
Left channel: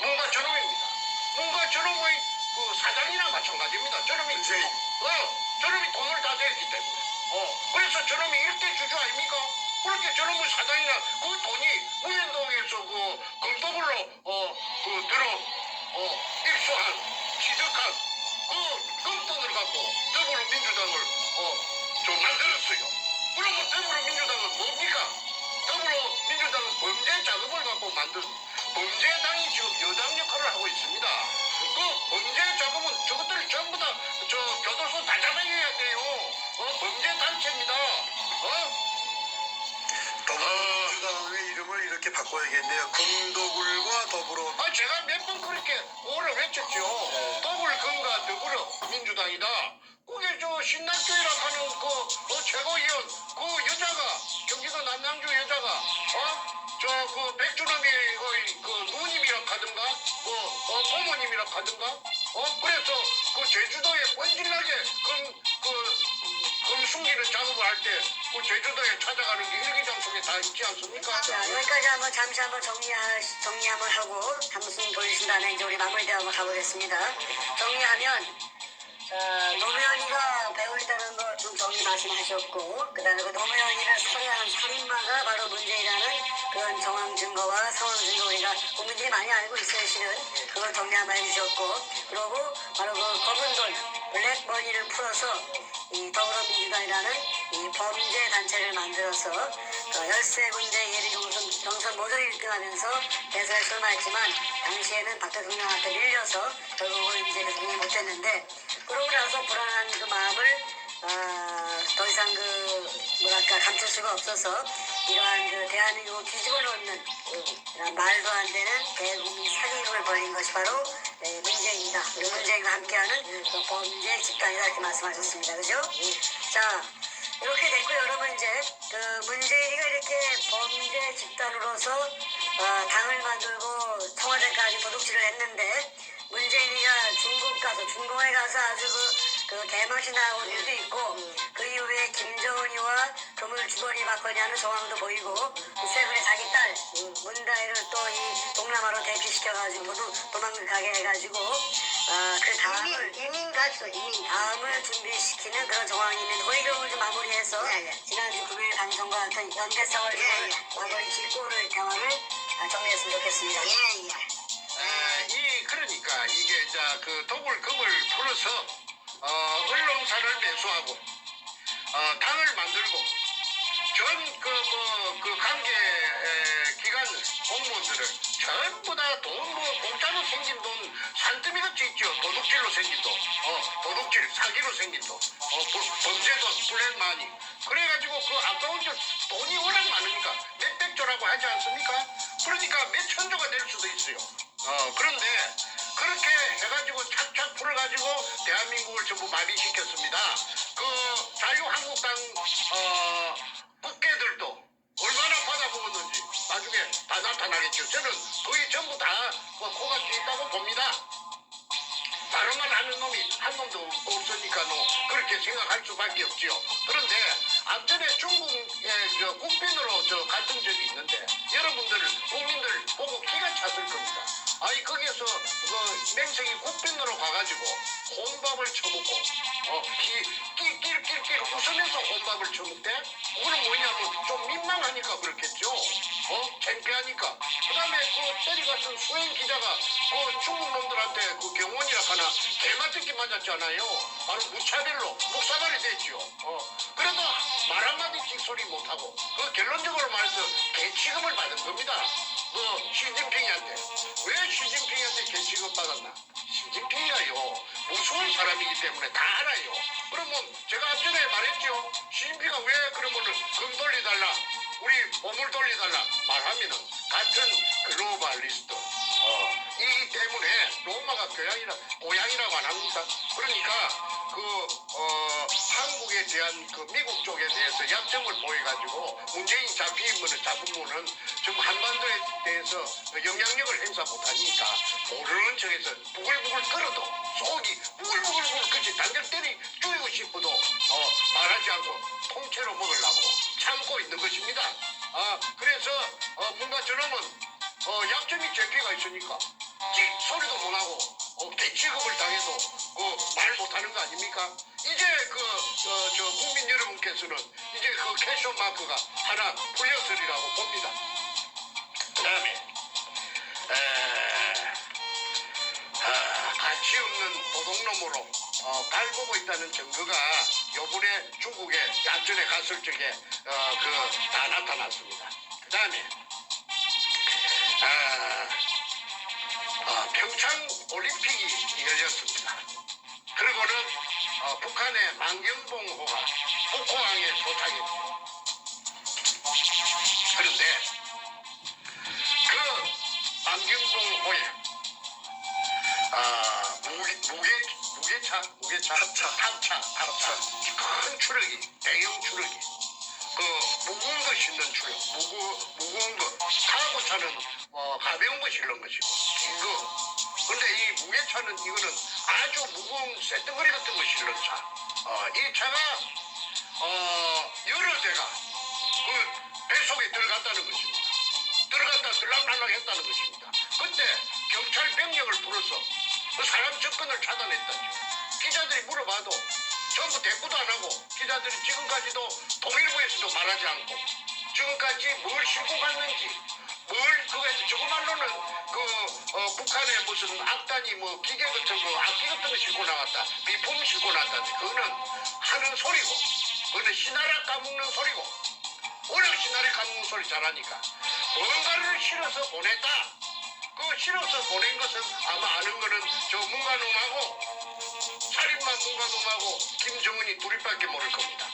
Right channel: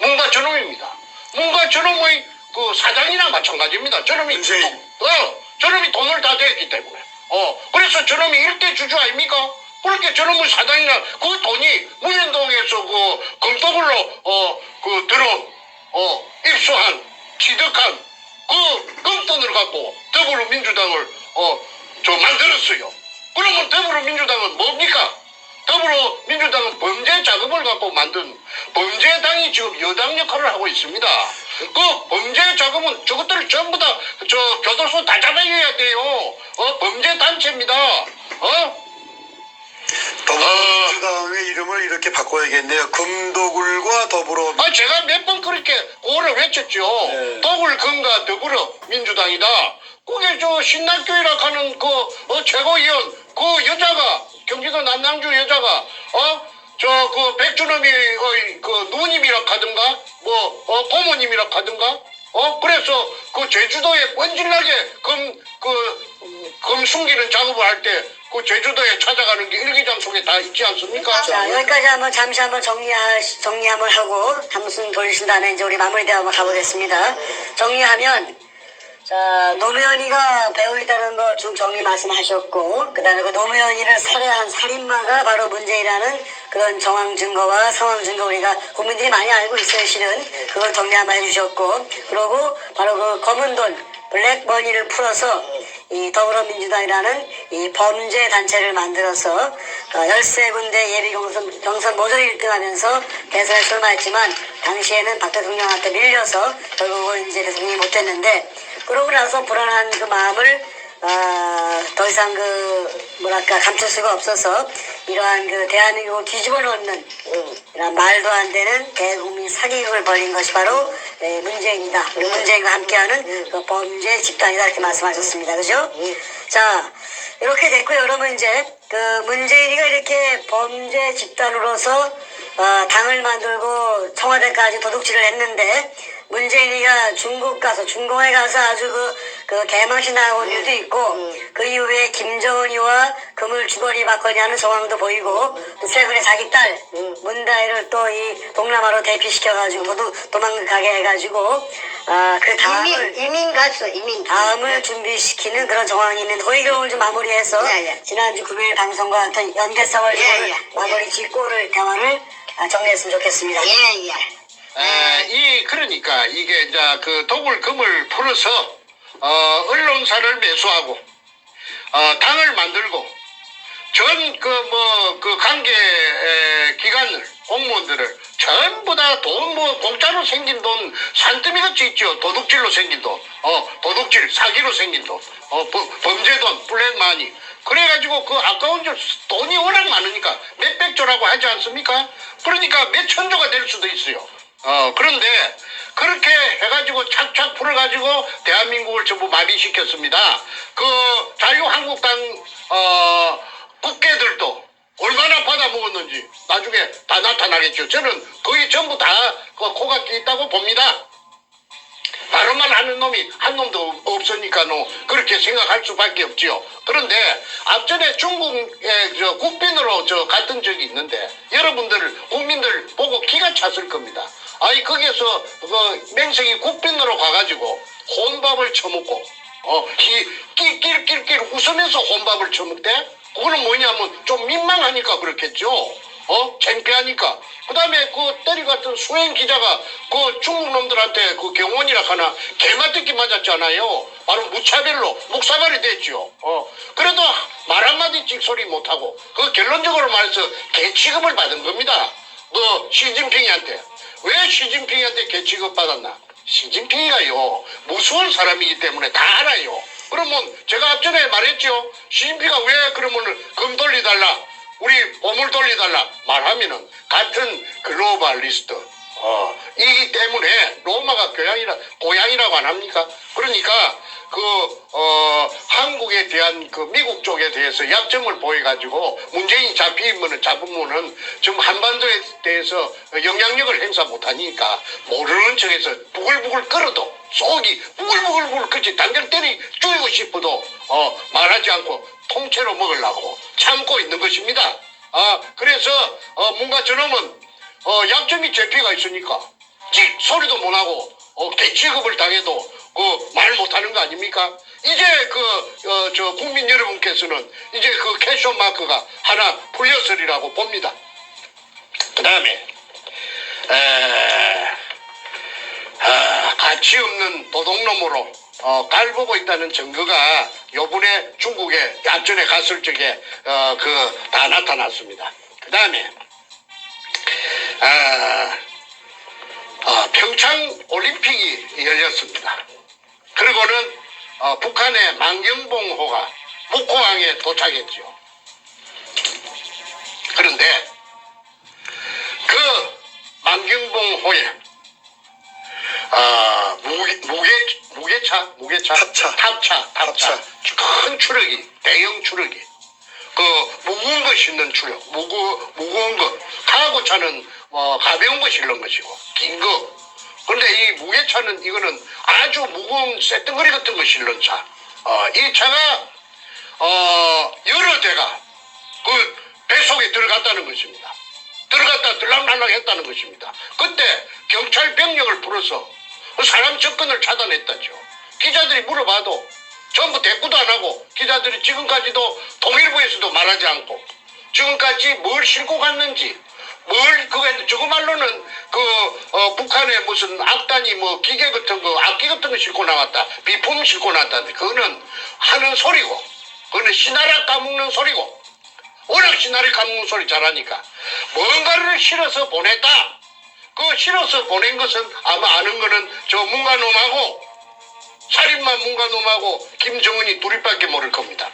문과 저놈입니다. 문과 저놈의 그 사장이나 마찬가지입니다. 저놈이 저놈이 돈을 다 대했기 때문에 그래서 저놈이 일대 주주 아닙니까? 그렇게 저놈의 사장이나 그 돈이 문현동에서 그 검도굴로 입수한 취득한 그 금돈을 갖고 더불어민주당을 만들었어요. 그러면 더불어민주당은 뭡니까? 더불어민주당은 범죄 자금을 갖고 만든 범죄당이 지금 여당 역할을 하고 있습니다. 그 범죄 자금은 저것들을 전부 다 교도소 다 잡아줘야 돼요. 범죄 단체입니다. 더불어민주당의 이름을 이렇게 바꿔야겠네요. 금도굴과 더불어. 제가 몇 번 그렇게 오를 외쳤죠. 네. 도굴금과 더불어민주당이다. 그게 신남교회라 하는 최고위원 그 여자가 경기도 남양주 여자가 백준엄이 누님이라 하든가 고모님이라 하든가 그래서 그 제주도에 번질나게 금 숨기는 작업을 할 때 그 제주도에 찾아가는 게 일기장 속에 다 있지 않습니까? 자, 여기까지 잠시 한번 정리 한번 하고 한숨 돌리신 다음에 이제 우리 마무리대로 한번 가보겠습니다. 정리하면 자, 노무현이가 배우있다는 거 쭉 정리 말씀하셨고, 그 다음에 그 노무현이를 살해한 살인마가 바로 문재인이라는 그런 정황 증거와 상황 증거 우리가 국민들이 많이 알고 있어요, 실은. 그걸 정리 한번 해주셨고, 그리고 바로 그 검은 돈, 블랙머니를 풀어서 이 더불어민주당이라는 이 범죄 단체를 만들어서 13군데 예비 경선 모조리 1등하면서 대선에 출마했지만 당시에는 박 대통령한테 밀려서 결국은 이제 대통령이 못됐는데 그러고 나서 불안한 그 마음을 더 이상 감출 수가 없어서 이러한 대한민국을 뒤집어 놓는 이런 말도 안 되는 대국민 사기극을 벌인 것이 바로 문재인이다. 그리고 문재인과 함께하는 그 범죄 집단이다 이렇게 말씀하셨습니다. 그죠? 자, 이렇게 됐고요. 여러분 이제 문재인이가 이렇게 범죄 집단으로서 당을 만들고 청와대까지 도둑질을 했는데 문재인이가 중공에 가서 아주 그 개망신 나온 일도 있고 그 이후에 김정은이와 금을 주거니 받거니 하는 정황도 보이고 최근에 자기 딸 문다혜를 또 이 동남아로 대피시켜가지고 도망가게 해가지고 그 다음을 이민 갔어, 이민. 다음을 준비시키는 그런 정황이 있는 호의경을 좀 마무리해서 예, 예. 지난주 금요일 방송과 같은 연대성을 예, 예. 마무리 짓고를 대화를 정리했으면 좋겠습니다. 예, 예. 그러니까 이게 이제 그 도굴금을 풀어서 언론사를 매수하고 당을 만들고 전 그 관계 기관 공무원들을 전부 다 돈 공짜로 생긴 돈 산더미 같이 있죠. 도둑질로 생긴 돈, 도둑질 사기로 생긴 돈, 범죄 돈, 블랙마니. 그래가지고 그 아까운 돈이 워낙 많으니까 몇백조라고 하지 않습니까? 그러니까 몇 천조가 될 수도 있어요. 그런데 그렇게 해가지고 착착 풀어가지고 대한민국을 전부 마비시켰습니다. 그 자유한국당 국회들도 얼마나 받아먹었는지 나중에 다 나타나겠죠. 저는 거의 전부 다 코가 끼있다고 봅니다. 발언만 하는 놈이 한 놈도 없으니까 그렇게 생각할 수밖에 없지요. 그런데 앞전에 중국의 국빈으로 갔던 적이 있는데 여러분들 국민들 보고 기가 찼을 겁니다. 아니 거기에서 맹생이 국빈으로 가가지고 혼밥을 처먹고 낄낄낄낄 웃으면서 혼밥을 처먹대? 그거는 뭐냐면 좀 민망하니까 그렇겠죠. 창피하니까. 그 다음에 그 때려갔던 수행 기자가 그 중국 놈들한테 그 경원이라 하나 개맞듣기 맞았잖아요. 바로 무차별로 묵사발이 됐죠. 그래도 말 한마디 찍소리 못하고 그 결론적으로 말해서 개 취급을 받은 겁니다. 시진핑이한테. 왜 시진핑이한테 개 취급 받았나? 시진핑이가요 무서운 사람이기 때문에 다 알아요. 그러면 제가 앞전에 말했죠. 시진핑이가 왜 그러면 금 돌려달라 우리 보물 돌려달라 말하면은 같은 글로벌리스트 이기 때문에 로마가 고향이라고 안 합니까? 그러니까 한국에 대한 그 미국 쪽에 대해서 약점을 보여가지고 문재인 잡으면은 지금 한반도에 대해서 영향력을 행사 못하니까 모르는 척해서 부글부글 끓어도 속이 부글부글 그치 당장 죽이고 싶어도 말하지 않고 통째로 먹으려고 참고 있는 것입니다. 그래서 뭔가 저놈은 약점이 제피가 있으니까 소리도 못하고 개취급을 당해도 말 못하는 거 아닙니까? 이제 국민 여러분께서는 이제 그 캐셔 마크가 하나 풀렸으리라고 봅니다. 그 다음에 가치 없는 도둑놈으로 깔보고 있다는 증거가 요번에 중국에 약전에 갔을 적에 다 나타났습니다. 그 다음에 평창 올림픽이 열렸습니다. 그리고는 북한의 만경봉호가 북호항에 도착했죠. 그런데 그 만경봉호에 탑차 큰 추력이 대형 추력이 무거운 거 싣는 추력 무거운 거 카고차는 가벼운 거 실는 것이고 긴 거. 그런데 이 무게차는 이거는 아주 무거운 쇳덩어리 같은 거 실는 차. 이 차가 여러 대가 그 배속에 들어갔다는 것입니다. 들어갔다 들락날락 했다는 것입니다. 그때 경찰 병력을 불어서 사람 접근을 차단했다죠. 기자들이 물어봐도 전부 대꾸도 안 하고 기자들이 지금까지도 통일부에서도 말하지 않고 지금까지 뭘 싣고 갔는지 저거 말로는 북한에 무슨 악단이 기계 같은 거 악기 같은 거 싣고 나왔다 비품 싣고 나왔다는데 그거는 하는 소리고 그거는 시나라 까먹는 소리고 워낙 시나리 까먹는 소리 잘하니까 뭔가를 실어서 보냈다. 실어서 보낸 것은 아마 아는 거는 저 문가놈하고 살인마 문가놈하고 김정은이 둘이밖에 모를 겁니다.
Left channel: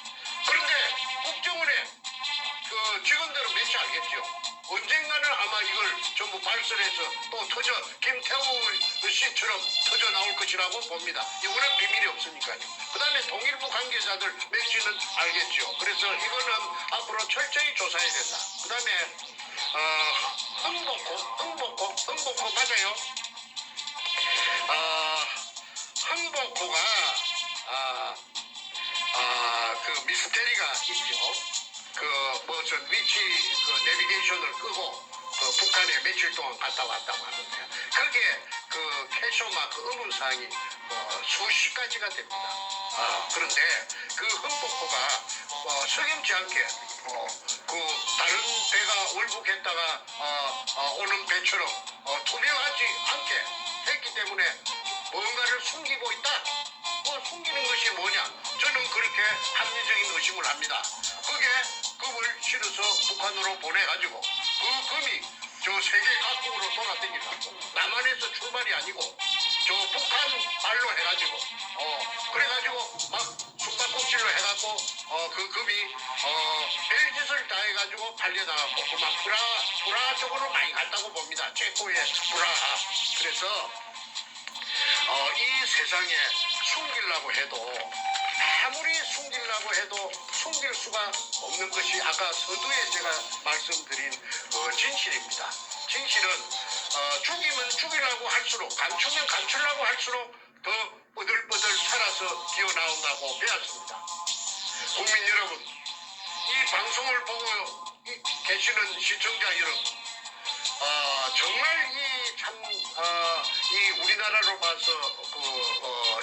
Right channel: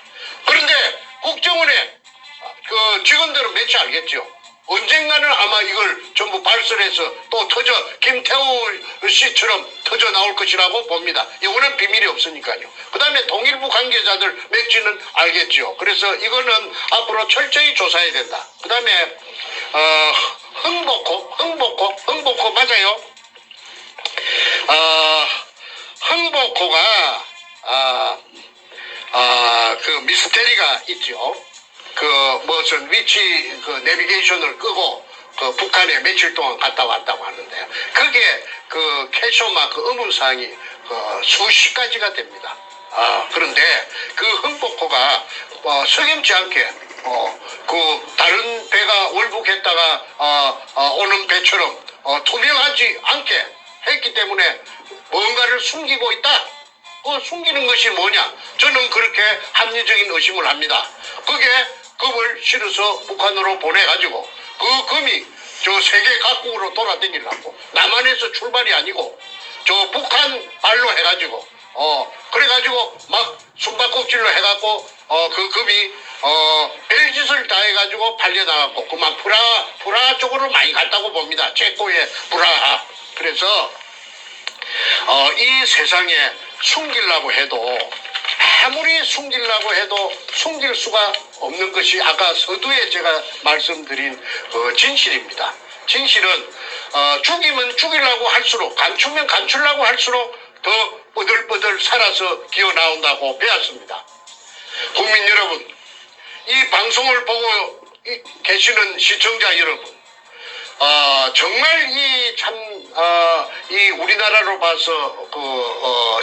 그런데 국정원에 직원들은 몇이 알겠죠. 언젠가는 아마 이걸 전부 발설해서 또 김태우 씨처럼 터져 나올 것이라고 봅니다. 이거는 비밀이 없으니까요. 그 다음에 동일부 관계자들 몇지는 알겠죠. 그래서 이거는 앞으로 철저히 조사해야 된다. 그 다음에 흥복호 맞아요. 흥복호가 그 미스테리가 있죠. 무슨 위치 내비게이션을 끄고 그 북한에 며칠 동안 갔다 왔다고 하는데요. 그게 그 캐쇼마크 의문사항이 수십 가지가 됩니다. 그런데 그 흥복호가 석임치 않게 그 다른 배가 월북했다가 오는 배처럼 투명하지 않게 했기 때문에 뭔가를 숨기고 있다. 숨기는 것이 뭐냐? 저는 그렇게 합리적인 의심을 합니다. 그게 금을 실어서 북한으로 보내가지고 그 금이 저 세계 각국으로 돌아다니려고 남한에서 출발이 아니고 저 북한 발로 해가지고 그래가지고 막 숨바꼭질로 해갖고 그 금이 별짓을 다 해가지고 팔려나갔고 그만 프라하 쪽으로 많이 갔다고 봅니다. 체코의 프라하. 그래서 이 세상에 숨기려고 해도 아무리 숨기려고 해도 숨길 수가 없는 것이 아까 서두에 제가 말씀드린 진실입니다. 진실은 죽이면 죽이려고 할수록 감추면 감추려고 할수록 더 뻗들뻗들 살아서 기어나온다고 배웠습니다. 국민 여러분, 이 방송을 보고 계시는 시청자 여러분, 정말 이 우리나라로 봐서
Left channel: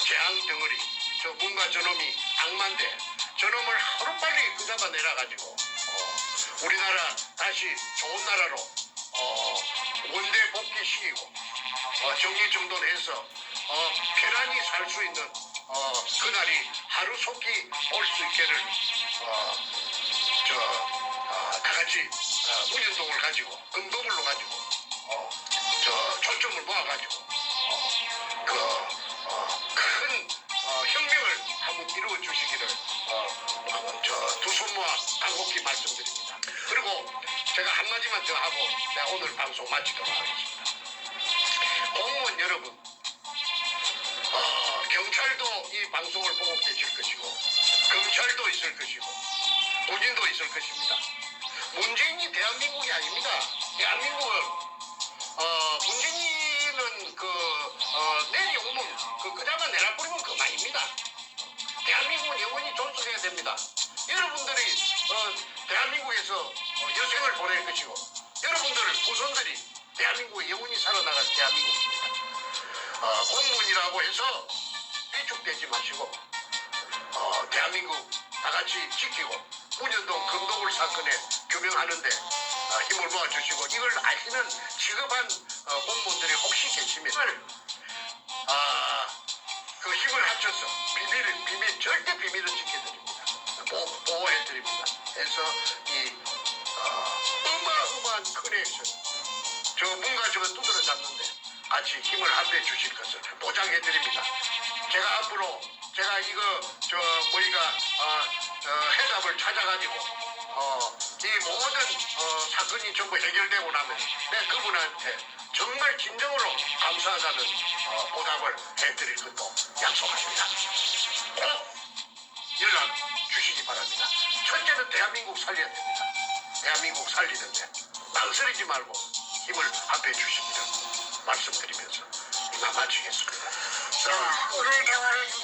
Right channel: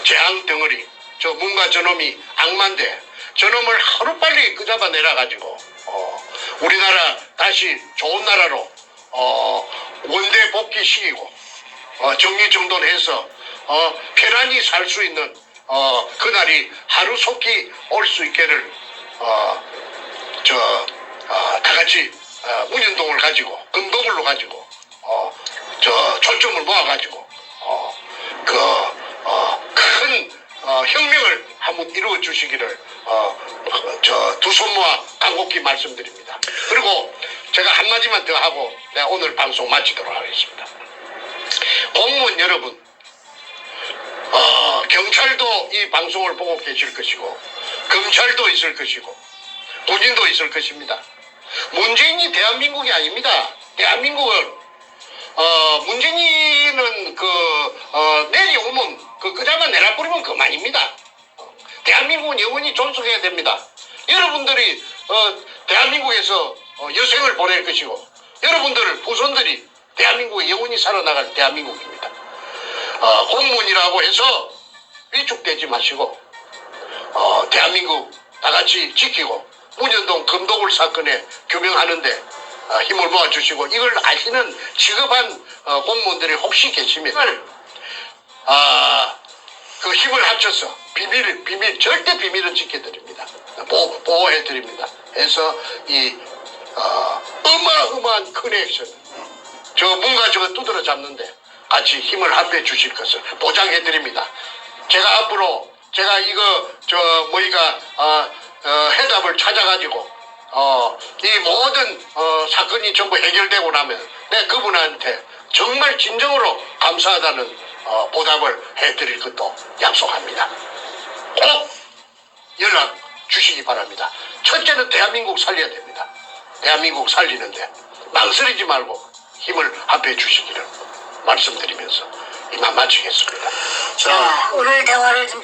재앙 덩어리, 뭔가 저놈이 악마인데 저놈을 하루빨리 끄잡아내라 가지고 우리나라 다시 좋은 나라로 원대 복귀시키고 정리정돈해서 편안히 살 수 있는 그날이 하루속히 올 수 있기를 다 같이 운영동을 가지고 금도굴로 가지고 초점을 모아가지고 큰 혁명을 한번 이루어 주시기를 두 손 모아 간곡히 말씀드립니다. 그리고 제가 한마디만 더 하고 내가 오늘 방송 마치도록 하겠습니다. 공무원 여러분, 경찰도 이 방송을 보고 계실 것이고 검찰도 있을 것이고 군인도 있을 것입니다. 문재인이 대한민국이 아닙니다. 대한민국은 문재인은 내려오면 그자만 내놔버리면 그만입니다. 대한민국은 영원히 존속해야 됩니다. 여러분들이 대한민국에서 여생을 보낼 것이고 여러분들 후손들이 대한민국에 영원히 살아나갈 대한민국입니다. 공무원이라고 해서 위축되지 마시고 대한민국 다 같이 지키고 문현동 금도굴 사건에 규명하는데 힘을 모아주시고 이걸 아시는 직업한 공무원들이 혹시 계시면 그 힘을 합쳐서 비밀 절대 비밀은 지켜드립니다. 보호해드립니다. 해서 이 어마어마한 큰 액션 뭔가 저거 두드러 잡는데 같이 힘을 합해 주실 것을 보장해드립니다. 제가 앞으로 이거 해답을 찾아가지고 이 모든 사건이 전부 해결되고 나면 내가 그분한테 정말 진정으로 감사하다는 보답을 해드릴 것도 약속합니다. 꼭 연락 주시기 바랍니다. 첫째는 대한민국 살려야 됩니다. 대한민국 살리는데 망설이지 말고 힘을 합해 주시기를 말씀드리면서 이만 마치겠습니다. 자, 오늘 대화를 좀